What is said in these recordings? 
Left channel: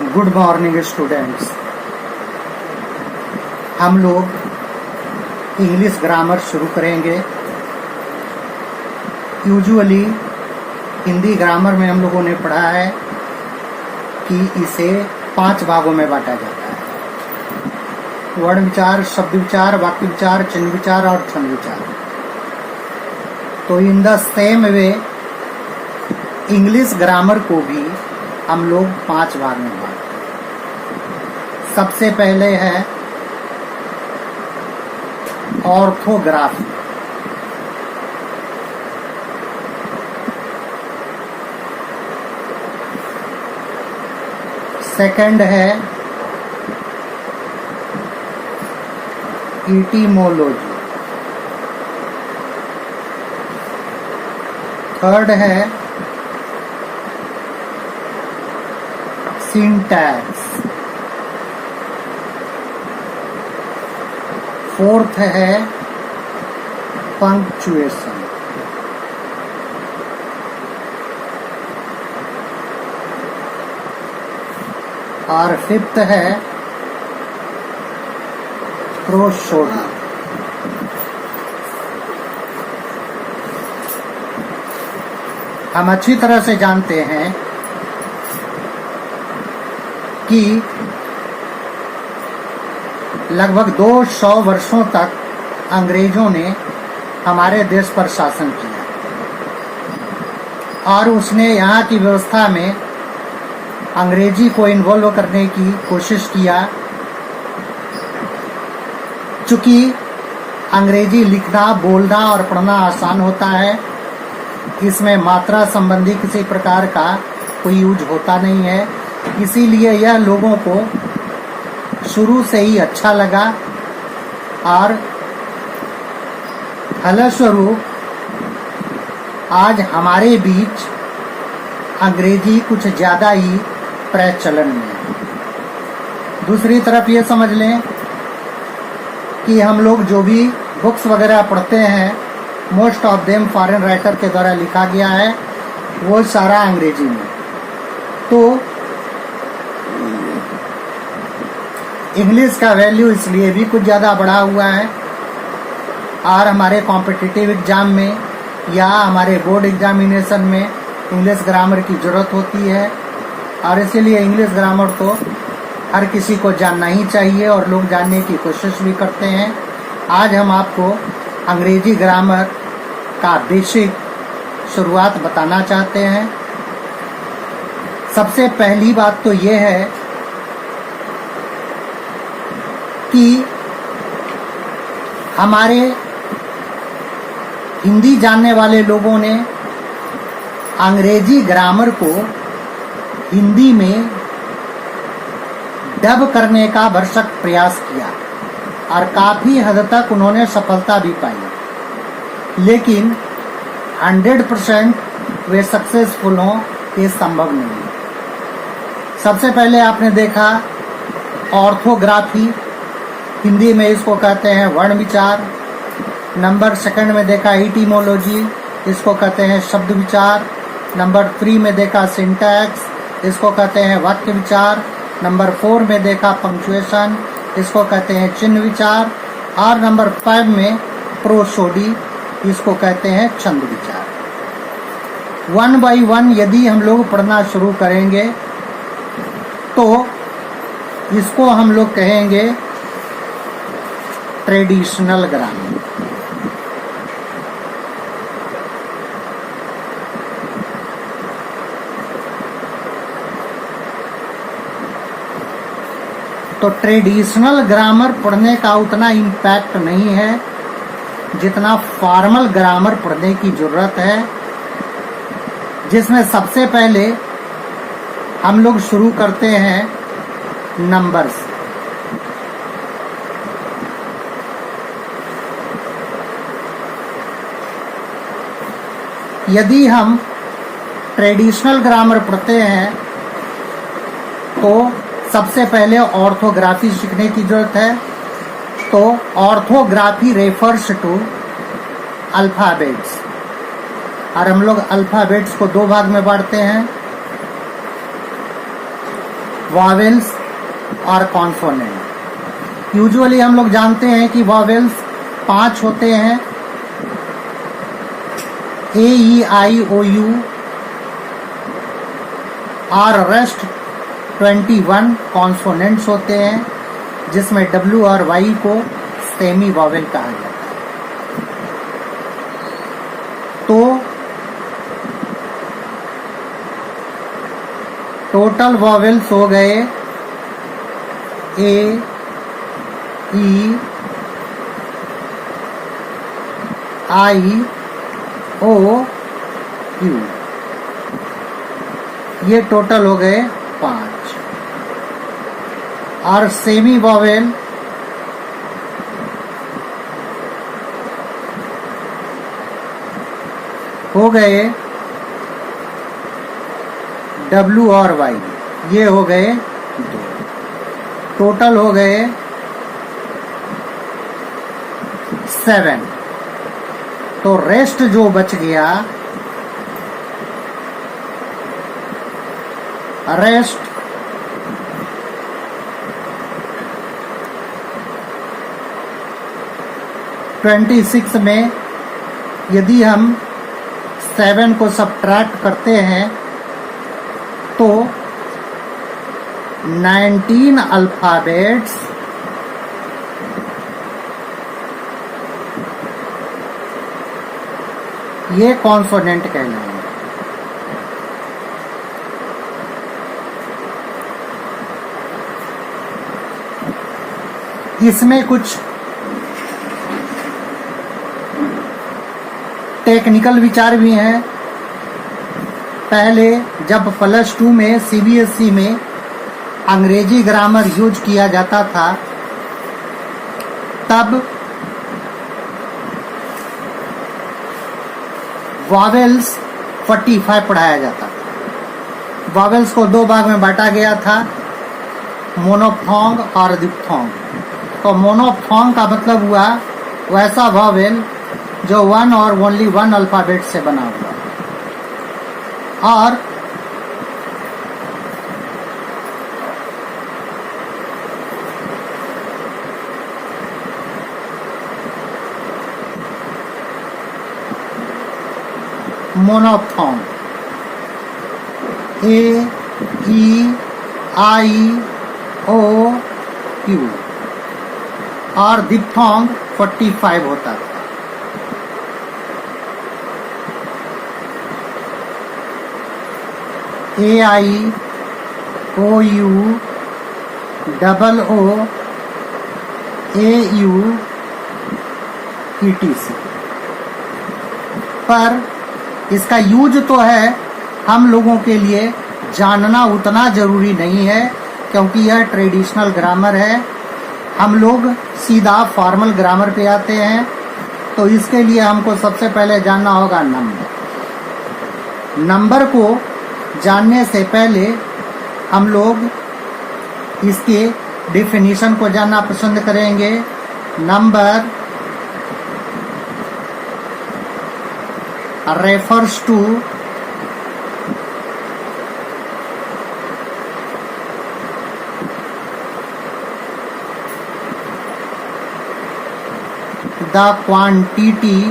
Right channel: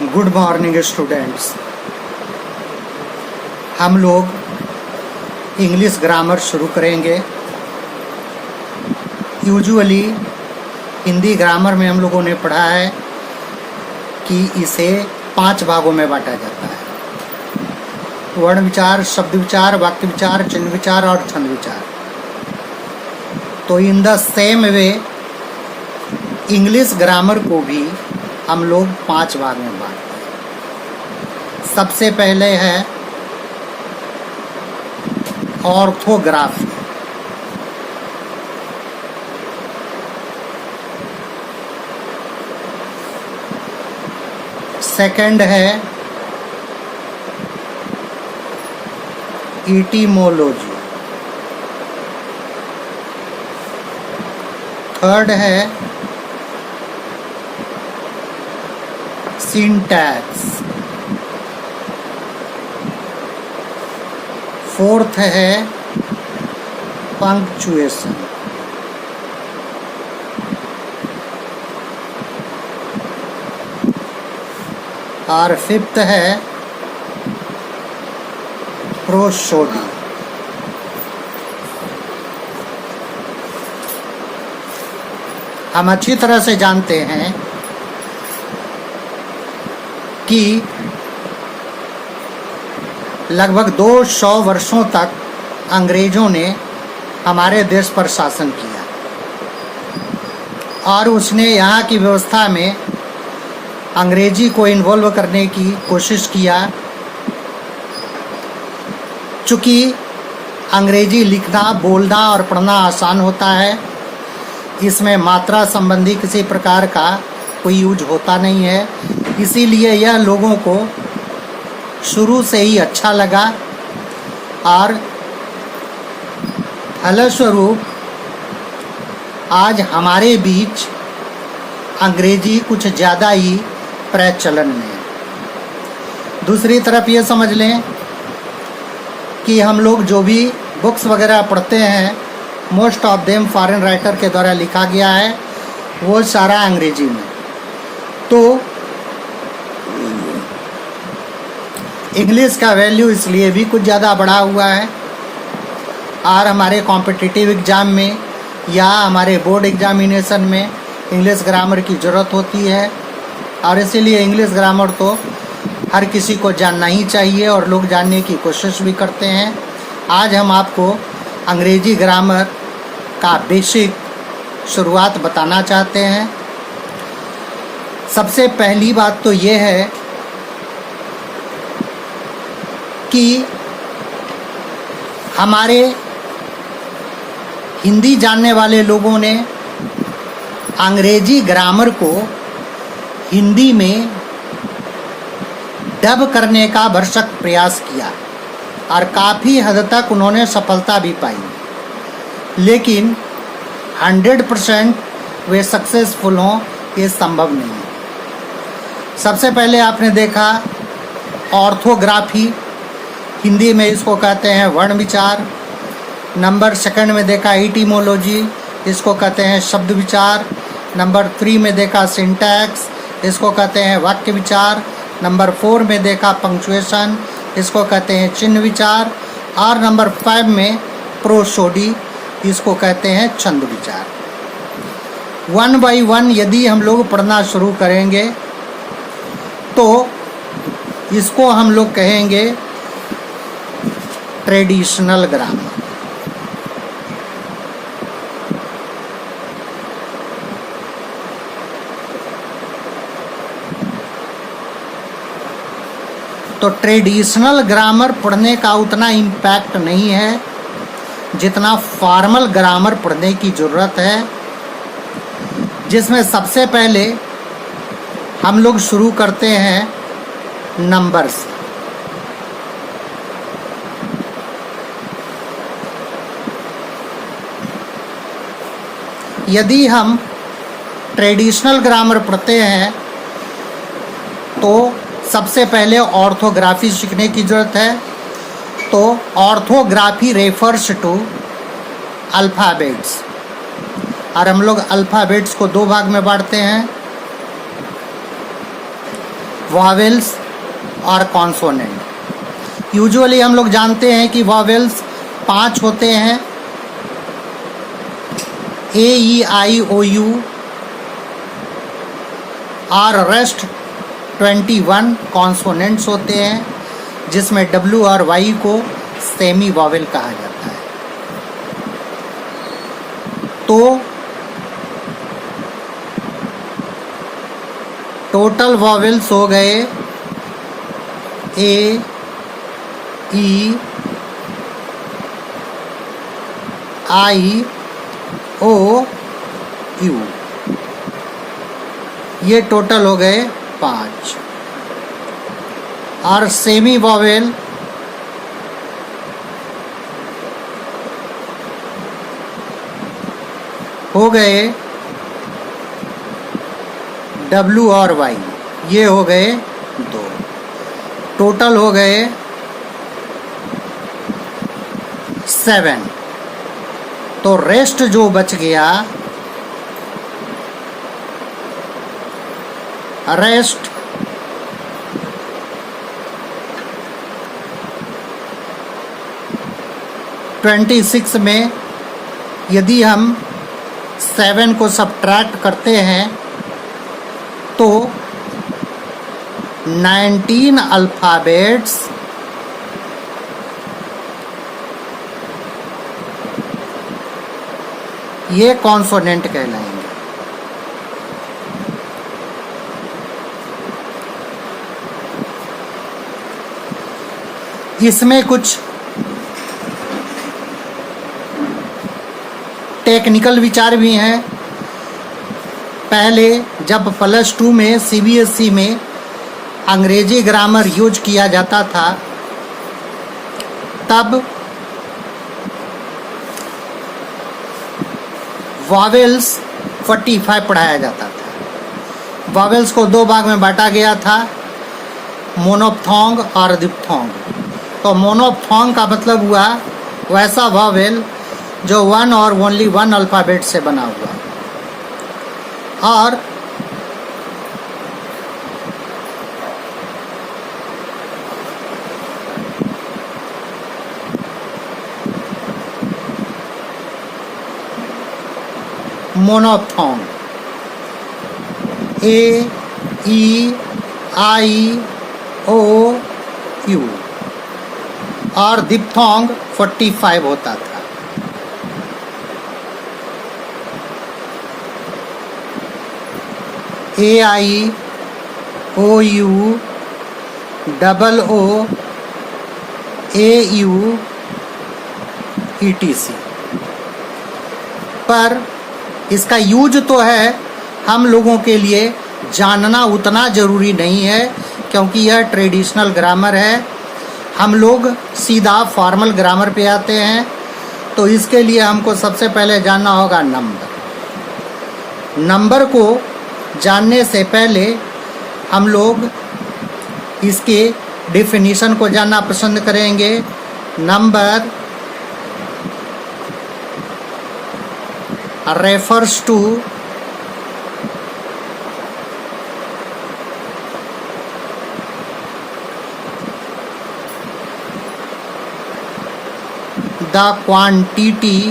Good morning students. हम लोग English grammar शुरू करेंगे। यूजुअली हिंदी ग्रामर में हम लोगों ने पढ़ा है कि इसे 5 भागों में बांटा जाता है: वर्ण विचार, शब्द विचार, वाक्य विचार, चिन्ह विचार और छंद विचार। तो in the same way English grammar को भी हम लोग 5 भाग में बांटते हैं। सबसे पहले है ऑर्थोग्राफी। सेकंड है इटिमोलॉजी। थर्ड है सिंटैक्स। फोर्थ है पंक्चुएशन। और फिफ्थ है प्रोसोडी। हम अच्छी तरह से जानते हैं कि लगभग 200 वर्षों तक अंग्रेजों ने हमारे देश पर शासन किया और उसने यहाँ की व्यवस्था में अंग्रेजी को इन्वॉल्व करने की कोशिश किया। चूँकि अंग्रेजी लिखना, बोलना और पढ़ना आसान होता है, इसमें मात्रा संबंधी किसी प्रकार का कोई यूज होता नहीं है, इसीलिए यह लोगों को शुरू से ही अच्छा लगा और फलस्वरूप आज हमारे बीच अंग्रेजी कुछ ज़्यादा ही प्रचलन में है। दूसरी तरफ ये समझ लें कि हम लोग जो भी बुक्स वगैरह पढ़ते हैं, most of them foreign writer के द्वारा लिखा गया है, वो सारा अंग्रेजी में। तो इंग्लिश का वैल्यू इसलिए भी कुछ ज़्यादा बढ़ा हुआ है और हमारे कॉम्पिटिटिव एग्ज़ाम में या हमारे बोर्ड एग्जामिनेशन में इंग्लिश ग्रामर की ज़रूरत होती है और इसीलिए इंग्लिश ग्रामर तो हर किसी को जानना ही चाहिए और लोग जानने की कोशिश भी करते हैं। आज हम आपको अंग्रेजी ग्रामर का बेसिक शुरुआत बताना चाहते हैं। सबसे पहली बात तो ये है कि हमारे हिंदी जानने वाले लोगों ने अंग्रेजी ग्रामर को हिंदी में डब करने का भरसक प्रयास किया और काफ़ी हद तक उन्होंने सफलता भी पाई, लेकिन 100% वे सक्सेसफुल हों ये संभव नहीं है। सबसे पहले आपने देखा ऑर्थोग्राफी, हिंदी में इसको कहते हैं वर्ण विचार। नंबर 2 में देखा इटिमोलॉजी, इसको कहते हैं शब्द विचार। नंबर 3 में देखा सिंटैक्स, इसको कहते हैं वाक्य विचार। नंबर 4 में देखा पंक्चुएशन, इसको कहते हैं चिन्ह विचार। और नंबर 5 में प्रोसोडी, इसको कहते हैं छंद विचार। 1 by 1 यदि हम लोग पढ़ना शुरू करेंगे तो इसको हम लोग कहेंगे ट्रेडिशनल ग्रामर। तो ट्रेडिशनल ग्रामर पढ़ने का उतना इम्पैक्ट नहीं है जितना फॉर्मल ग्रामर पढ़ने की ज़रूरत है, जिसमें सबसे पहले हम लोग शुरू करते हैं नंबर से। यदि हम ट्रेडिशनल ग्रामर पढ़ते हैं तो सबसे पहले ऑर्थोग्राफी सीखने की ज़रूरत है। तो ऑर्थोग्राफी रेफर्स टू अल्फ़ाबेट्स और हम लोग अल्फ़ाबेट्स को 2 भाग में बांटते हैं। वॉवेल्स और कॉन्सोनेंट। यूजुअली हम लोग जानते हैं कि वॉवेल्स 5 होते हैं, ए ई आई ओ यू, और रेस्ट 21 कॉन्सोनेंट्स होते हैं, जिसमें डब्ल्यू और वाई को सेमी वॉवेल कहा जाता है। तो टोटल वॉवेल्स हो गए ए ई आई ओ यू, ये टोटल हो गए 5। और सेमी वॉवेल हो गए डब्ल्यू और वाई, ये हो गए 2, टोटल हो गए 7। तो रेस्ट जो बच गया, रेस्ट (26) में यदि हम 7 को सबट्रैक्ट करते हैं तो 19 अल्फ़ाबेट्स ये कॉन्सोनेंट कहलाएंगे। इसमें कुछ टेक्निकल विचार भी हैं। पहले जब +2 में CBSE में अंग्रेजी ग्रामर यूज किया जाता था, तब वॉवेल्स 45 पढ़ाया जाता था। वॉवेल्स को 2 भाग में बांटा गया था, मोनोप्थोंग और दिप्थोंग। तो मोनोप्थोंग का मतलब हुआ वैसा वॉवेल जो 1 और ओनली 1 अल्फ़ाबेट से बना हुआ, और मोनोप्थोंग ए ई आई ओ यू, और दिप्थोंग 45 होता था। A I O U double O A U ETC। पर इसका यूज तो है, हम लोगों के लिए जानना उतना ज़रूरी नहीं है, क्योंकि यह ट्रेडिशनल ग्रामर है। हम लोग सीधा फॉर्मल ग्रामर पे आते हैं। तो इसके लिए हमको सबसे पहले जानना होगा नंबर। नंबर को जानने से पहले हम लोग इसके डेफिनेशन को जानना पसंद करेंगे। Number refers to the quantity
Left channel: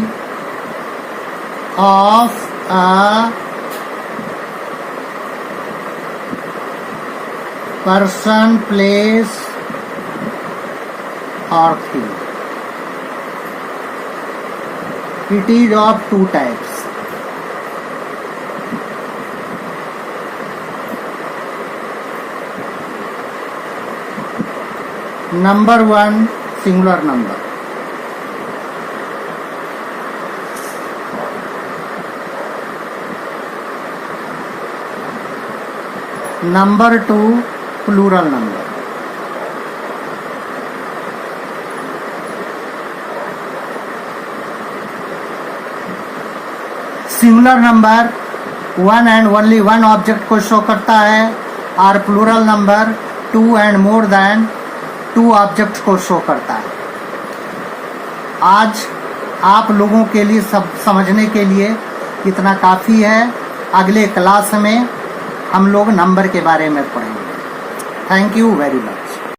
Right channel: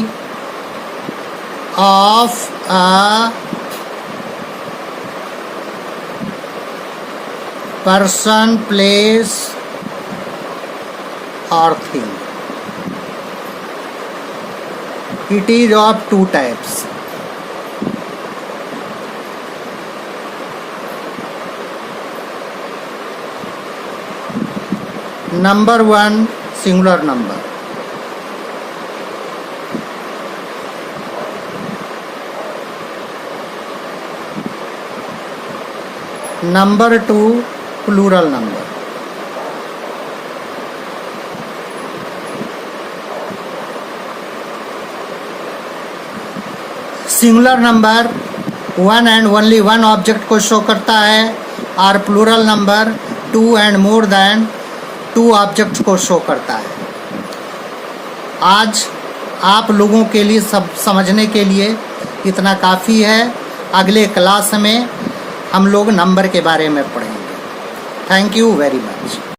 of a person, place or thing. It is of 2 types. Number 1 singular number, number 2 plural number. Singular number 1 and only 1 object को शो करता है, और plural number 2 and more than 2 object को show करता है। आज आप लोगों के लिए सब समझने के लिए इतना काफ़ी है। अगले क्लास में हम लोग नंबर के बारे में पढ़ेंगे। Thank you very much.